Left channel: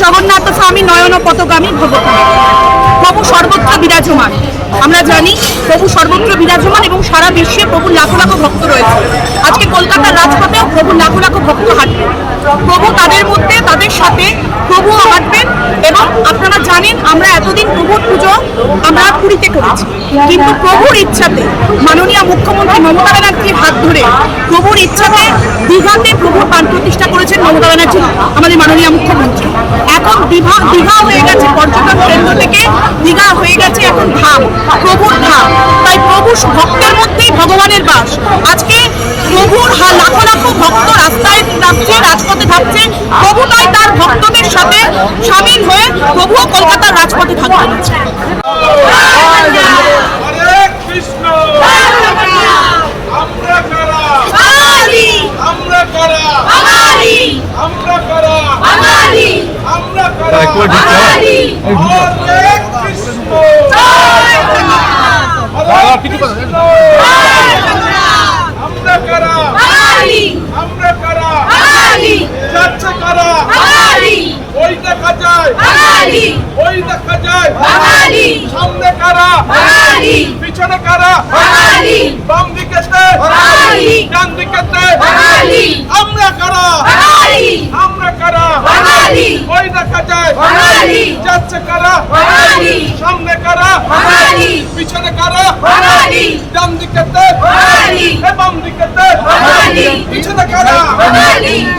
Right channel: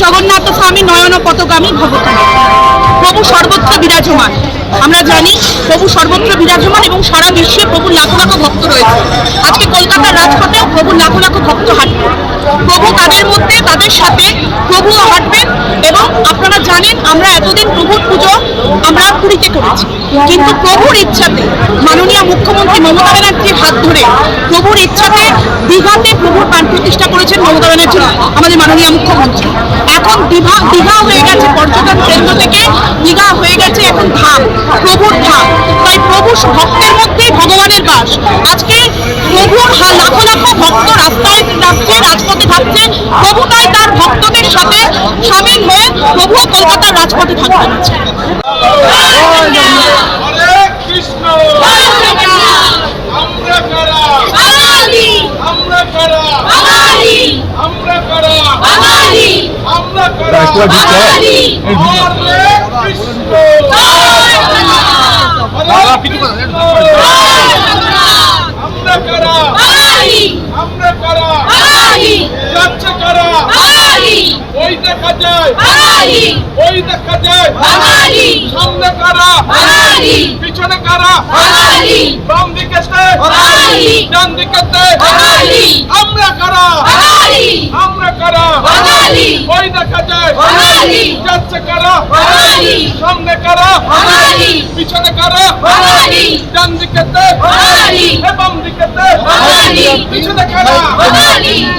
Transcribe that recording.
জগন্নাথ স্বামী নয়ন পতগামী ভবতামী। প্রভু সর্বত্র বিরাজমান। আমরা জানি প্রভু সর্বত্র বিরাজমান এবং সারা বিশ্বে প্রভুর লাখো লাখো ভক্ত রয়েছে। আজকে কলকাতার রাজপথেও প্রভুর লাখো লাখো ভক্ত হাঁটবে। প্রভু তাদের মধ্যে, তাদের সাথে প্রভুও হাঁটবেন। এবং আপনারা জানেন আমরা এতদিন প্রভুর পুজো আমরা পুরীতে করেছি, কিন্তু প্রভুর ইচ্ছাতে মাননীয় মুখ্যমন্ত্রী মমতা ব্যানার্জির হাত ধরে প্রভুর ইচ্ছাতে দীঘাতে প্রভুর প্রাণ প্রতিষ্ঠা করেছেন মমতা ব্যানার্জি আমাদের মাননীয় মুখ্যমন্ত্রী। এখন দীঘা হয়ে গেছে পর্যটন কেন্দ্র থেকে, দীঘা হয়ে গেছে এখন ধাম, প্রভুর ধাম। তাই প্রভু ভক্তের মধ্যেই ভগবানের বাস। আজকে প্রভুর লাখো লাখো ভক্ত রাস্তায় থাকছে, রাজপথে থাকছে। প্রভু তাই তার ভক্তদের সাথে সামিল হয়ে প্রভুও কলকাতার রাজপথে থাকবেন। ওই দেখা যায় ওই দেখা যায় সামনে কারা পিছনে কারা বাম দিকেতে ডান দিকেতে আমরা কারা আমরা কারা ওই দেখা যায় যাচ্ছে কারা সামনে কারা পিছনে কারা ডান দিকেতে বাম দিকেতে পিছনে কারা